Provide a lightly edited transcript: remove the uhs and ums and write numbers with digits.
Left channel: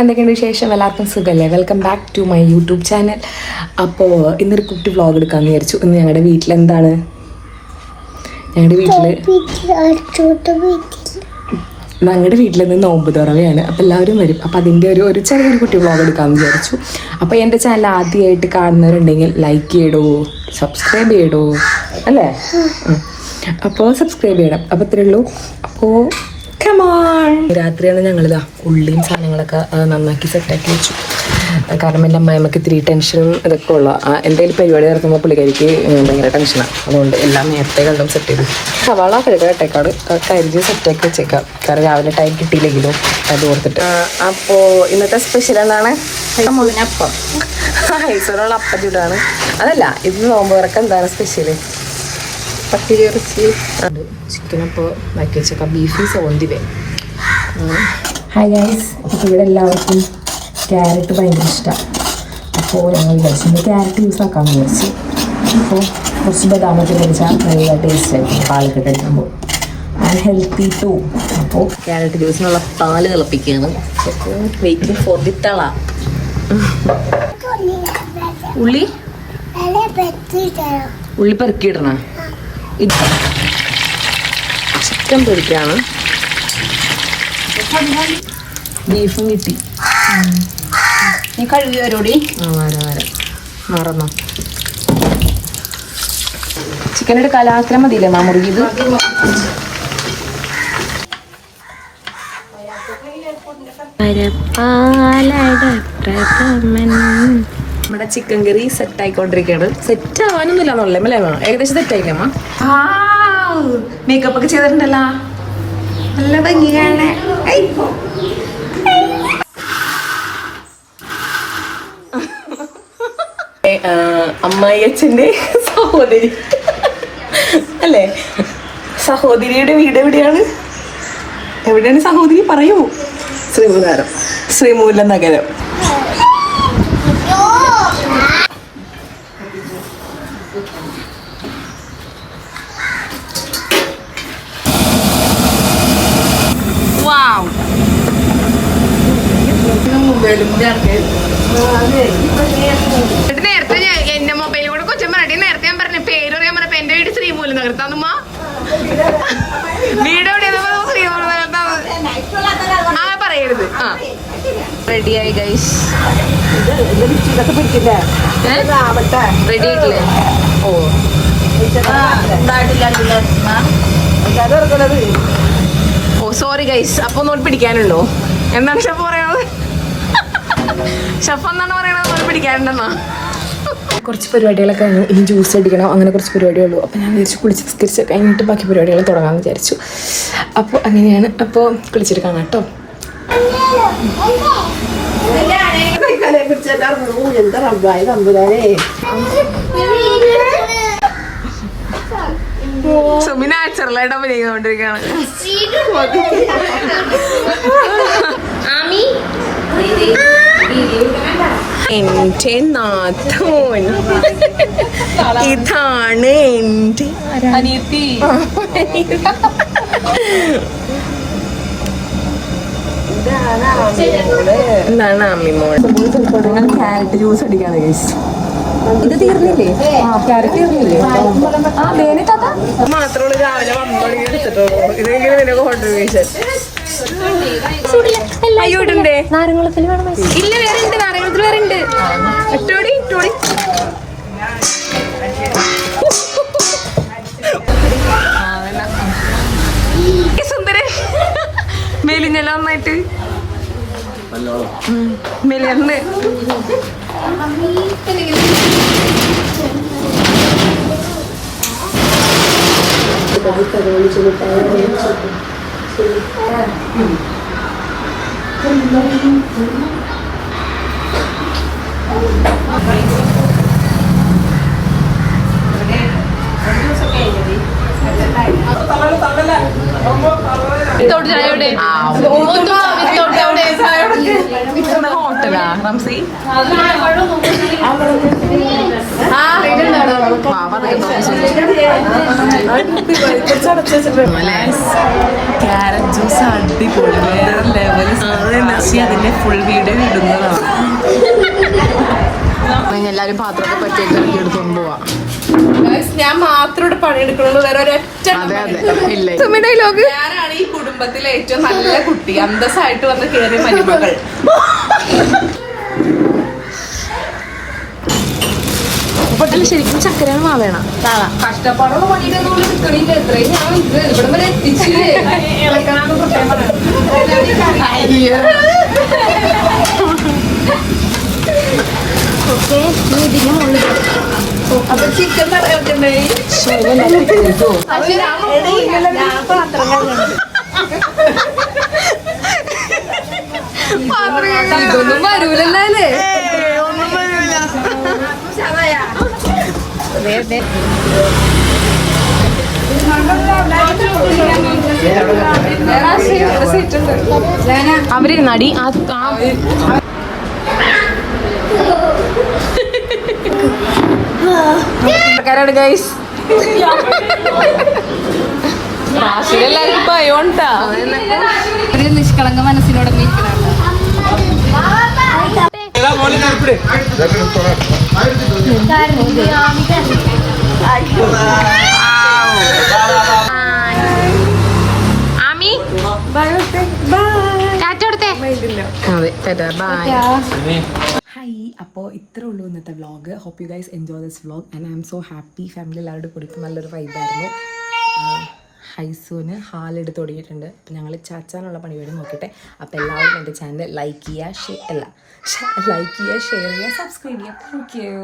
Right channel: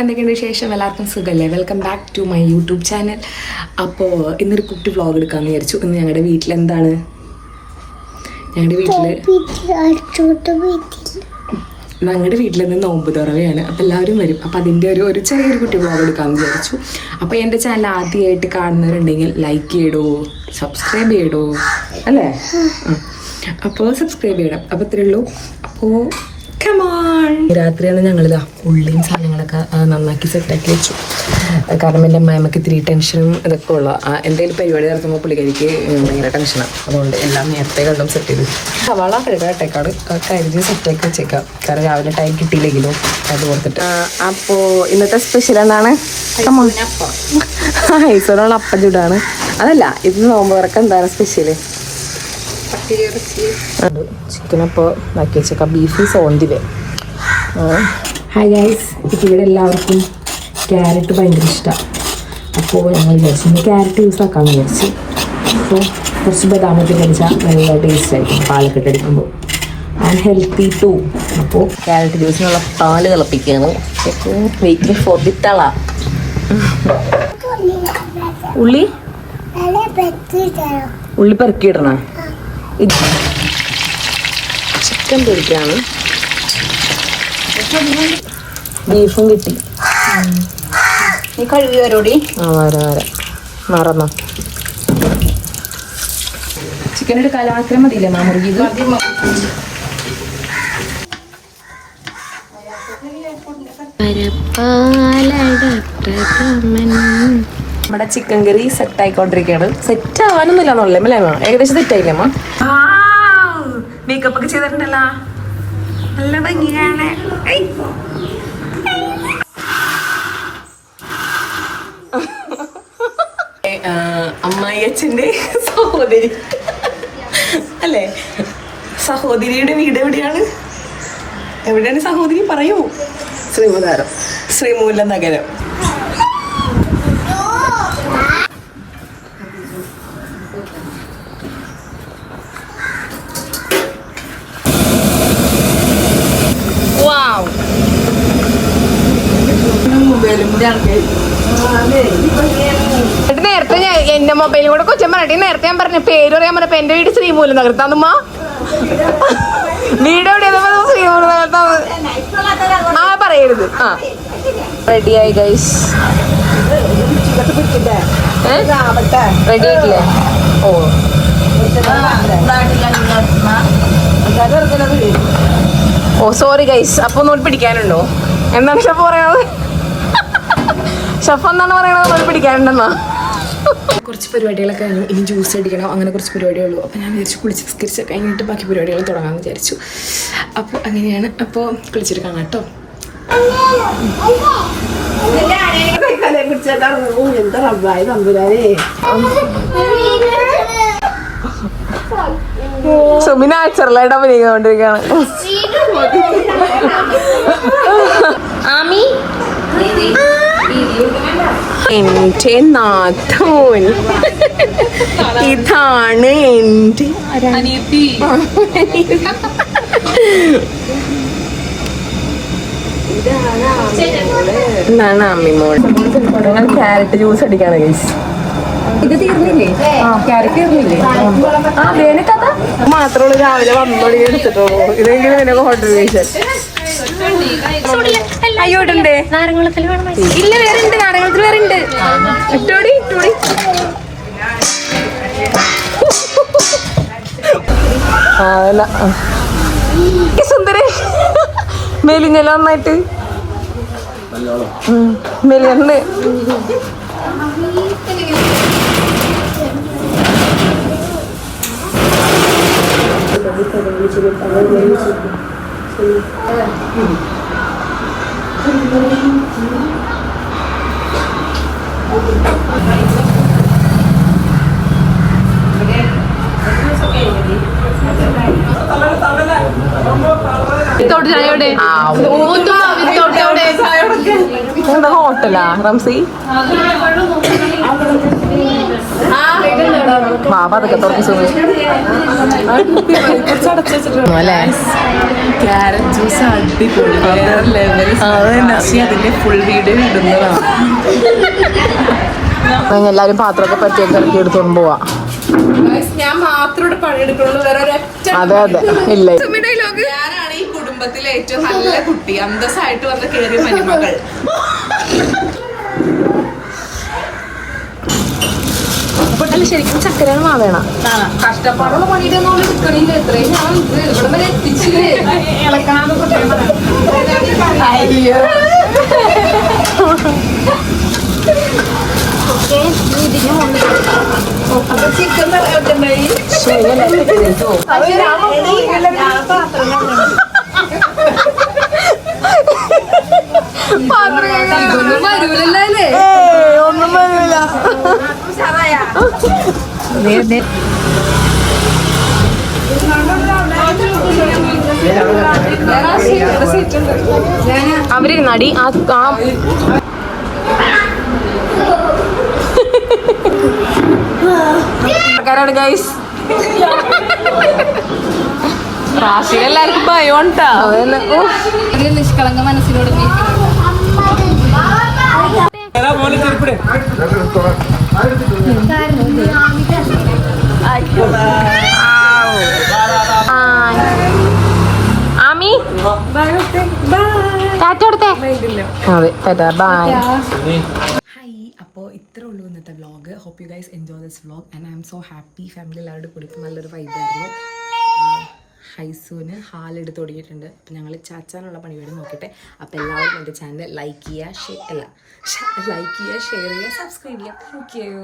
എന്തൊക്കെയുണ്ട് വിശേഷം? എല്ലാവർക്കും സുഖമല്ലേ? Welcome back to my YouTube channel. അപ്പോൾ ഇന്നൊരു കുട്ടി വ്ളോഗ് എടുക്കാമെന്ന് വിചാരിച്ചു. ഇന്ന് ഞങ്ങളുടെ വീട്ടിലെന്താണ്, ഞങ്ങളുടെ വീട്ടിൽ നിന്ന് നോമ്പ് തുറവയാണ്. അപ്പോൾ എല്ലാവരും വരും. അപ്പോൾ അതിൻ്റെ ഒരു ചെറിയൊരു കുട്ടി വ്ളോഗ് എടുക്കാമെന്ന് വിചാരിച്ചു. അപ്പോൾ എൻ്റെ ചാനൽ ആദ്യമായിട്ട് കാണുന്നവരുണ്ടെങ്കിൽ ലൈക്ക് ചെയ്യടോ, സബ്സ്ക്രൈബ് ചെയ്യടോ, അല്ലേ? അപ്പോൾ സബ്സ്ക്രൈബ് ചെയ്യണം. അപ്പോൾ ഇത്രയേ ഉള്ളൂ. അപ്പോൾ രാത്രിയാണ് ഞങ്ങളിതാ ഉള്ളിയും സാധനങ്ങളൊക്കെ നന്നാക്കി സെറ്റാക്കി വെച്ചു. കാരണം എൻ്റെ അമ്മായിമ്മക്ക് ഇത്തിരി ടെൻഷനും ഇതൊക്കെ ഉള്ള എന്തെങ്കിലും പരിപാടി നടത്തുമ്പോൾ പുള്ളിക്കാരിക്ക് ഭയങ്കര ടെൻഷനാണ്. അതുകൊണ്ട് എല്ലാം നേരത്തെ കണ്ടും സെറ്റ് ചെയ്തു. സവാള കഴുകട്ടേക്കാട് കരുതി സെറ്റാക്കി വെച്ചേക്കാം. കാരണം രാവിലെ ടൈം കിട്ടിയില്ലെങ്കിലും അത് ഓർത്തിട്ട്. അപ്പോൾ ഇന്നത്തെ സ്പെഷ്യൽ എന്താണ്? ഹൈസോണുള്ള അപ്പം ചൂടാണ്. അതല്ല, ഇത് നോമ്പ് തുറക്കം എന്താണ് സ്പെഷ്യല്? പത്തിരി ഇറച്ചി ചിക്കനപ്പോൾ ഇതാക്കി വെച്ചേക്കാം. ബീഫ് സോന്തിവേ. ഹായ് ഗൈസ്, ഇപ്പോൾ ഇവിടെ എല്ലാവർക്കും ക്യാരറ്റ് ഭയങ്കര ഇഷ്ടമാണ്. അപ്പോൾ ഞങ്ങൾ വിചാരിച്ചു ക്യാരറ്റ് യൂസ് ആക്കാമെന്ന് വിചാരിച്ചു. അപ്പോൾ കുറച്ച് ബദാമത്തിൽ കഴിച്ചാൽ നല്ല ടേസ്റ്റ് ആയിരിക്കും പാലൊക്കെ കഴിക്കുമ്പോൾ. And healthy too. അപ്പോൾ ക്യാരറ്റ് ജ്യൂസ് നമ്മൾ പാല് തിളപ്പിക്കുകയാണ്. വെയിറ്റിംഗ് ഫോർ ദി തള. ഉള്ളി പെറുക്കിയിടണം. ഇത് ചിക്കൻ പൊരിക്കാണ്. ബീഫും കിട്ടി. നീ കഴുകി വരോടി. വരാം മറന്നോ? ചിക്കൻ എടുക്കാൻ അത്ര മതിയില്ലേ മാ മുറുകിയത്? നമ്മുടെ ചിക്കൻ കറി സെറ്റ് ആയിക്കൊണ്ടിരിക്കുകയാണ്. സെറ്റ് ആവാനൊന്നുമില്ലാണല്ലേ? മലയാളോ ഏകദേശം സെറ്റ് ആയിക്കാമോ? മേക്കപ്പ് ഒക്കെ ചെയ്തിട്ടുണ്ടല്ലോ, നല്ല ഭംഗിയാണ്. അമ്മായി അച്ഛൻ്റെ സഹോദരി അല്ലേ? സഹോദരിയുടെ വീട് എവിടെയാണ്? എവിടെയാണ് സഹോദരി? പറയൂ. ശ്രീമൂല നഗരം. നേരത്തെ ഞാൻ എന്റെ മൊബൈലും കൂടെ കൊച്ചൻ പറഞ്ഞിട്ട് നേരത്തെ ഞാൻ പറഞ്ഞ പേര് പറയാൻ പറഞ്ഞപ്പോ എന്റെ വീട് ശ്രീമൂലം നഗരത്താന്നുമ്മ. വീട് എവിടെയാ? ശ്രീമൂലം നഗരത്താന്ന്. ആ പറയരുത്. ആ റെഡിയായി ഗൈസ്. റെഡി ആയിട്ടില്ലേ? ഓ സോറി ഗൈസ്. അപ്പൊ ഒന്നുകൂടി പിടിക്കാനുണ്ടോ? എന്താണ് ഷെഫ് പറയണത്? ഷെഫ് എന്നാണ് പറയണത്? പിടിക്കാനുണ്ടെന്നാ. കുറച്ച് പരിപാടികളൊക്കെ കഴിഞ്ഞു. ഇനി ജ്യൂസ് അടിക്കണം, അങ്ങനെ കുറച്ച് പരിപാടിയുള്ളൂ. അപ്പോൾ ഞാൻ വിചാരിച്ചു കുളിച്ച് നിസ്കരിച്ച് കഴിഞ്ഞിട്ട് ബാക്കി പരിപാടികൾ തുടങ്ങാമെന്ന് വിചാരിച്ചു. അപ്പോൾ അങ്ങനെയാണ്. അപ്പോൾ കുളിച്ചിട്ട് കാണാം കേട്ടോ. സുമി നാച്ചുറലായിട്ട് അഭിനയിക്കൊണ്ടിരിക്കുകയാണ്. എന്റെ നാഥോൻ, ഇതാണ് എന്റെ ഇതാണ് അമ്മിമോൾ. ഞങ്ങൾ ക്യാരറ്റ് ജ്യൂസ് അടിക്കാണ് ഗൈസ്. ഇത് തീർന്നില്ലേ? ക്യാരറ്റ് തീർന്നില്ലേ? വേനത്താത്ത മാത്രമുള്ള രാവിലെ വന്നോളി എടുത്തിട്ടുള്ളൂ. ഇതെങ്കിലും നിനക്ക് ഹോട്ടൽ അയ്യോട്ടേ നാരങ്ങളത്തിൽ വേണം. ഇല്ല, വേറുണ്ട്. നാരങ്ങളത്തിൽ വേറുണ്ട്. ഇട്ടോടി ഇട്ടോടി. അതല്ല സുന്ദരേ, മെലിഞ്ഞല്ലോ നന്നായിട്ട്. മെലിയുണ്ട്. എന്താ ഹോട്ടലാ റംസി? വാവ അതൊക്കെ തുറച്ചു ക്യാരറ്റ് ജ്യൂസ് അടിപൊളി, വേറെ ലെവൽ. അതിന്റെ ഫുൾ വീഡിയോ ഇടുന്നതാണ്. എല്ലാരും പാത്രമൊക്കെ പറ്റിയൊക്കെ ഇറക്കി എടുത്തോണ്ട് പോവാ. ഞാൻ മാത്രം പണിയെടുക്കണുള്ളൂ, വേറെ ഒരൊറ്റ. അതെ അതെ ഇല്ല. ഞാനാണ് ഈ കുടുംബത്തിലെ ഏറ്റവും നല്ല കുട്ടി, അന്തസ്സായിട്ട് വന്ന് കേറിയ മരുമകൾ. അല്ല ശരിക്കും ചക്കരയാണ് മാവേണ. കഷ്ടപ്പാടുള്ള പണിയിട്ടൊന്നും നിൽക്കണില്ല. എത്രയും ഞാൻ ഇവിടെ വരെ എത്തിച്ചില്ലേ. ചിക്കൻ പറയാത്തേ വരൂലല്ലേ? ഒന്നും വരൂല. അവര് നടി ആൾക്കാരാണ് ഗൈസ്. നിഷ്കളങ്ക മനസ്സിനോട് ആമി ടാറ്റ കൊടുത്തേ. അതെ ടാറ്റ ബൈ. ഹായ്, അപ്പോൾ ഇത്രേ ഉള്ളൂ ഇന്നത്തെ vlog. Hope you guys enjoy this vlog and I'm so happy. Family എല്ലാവരുടെ കൂടി ഇപ്പോൾ നല്ലൊരു വൈബായിരുന്നു. ഹൈസൂന് ഹാലെടുത്ത് തുടങ്ങിയിട്ടുണ്ട്. അപ്പോൾ ഞങ്ങൾ ചാച്ചാനുള്ള പരിപാടി നോക്കിയിട്ട്. അപ്പോൾ എല്ലാവരും എൻ്റെ ചാനൽ ലൈക്ക് ചെയ്യുക, ലൈക്ക് ചെയ്യുക, ഷെയർ ചെയ്യുക, സബ്സ്ക്രൈബ് ചെയ്യുക. Thank you.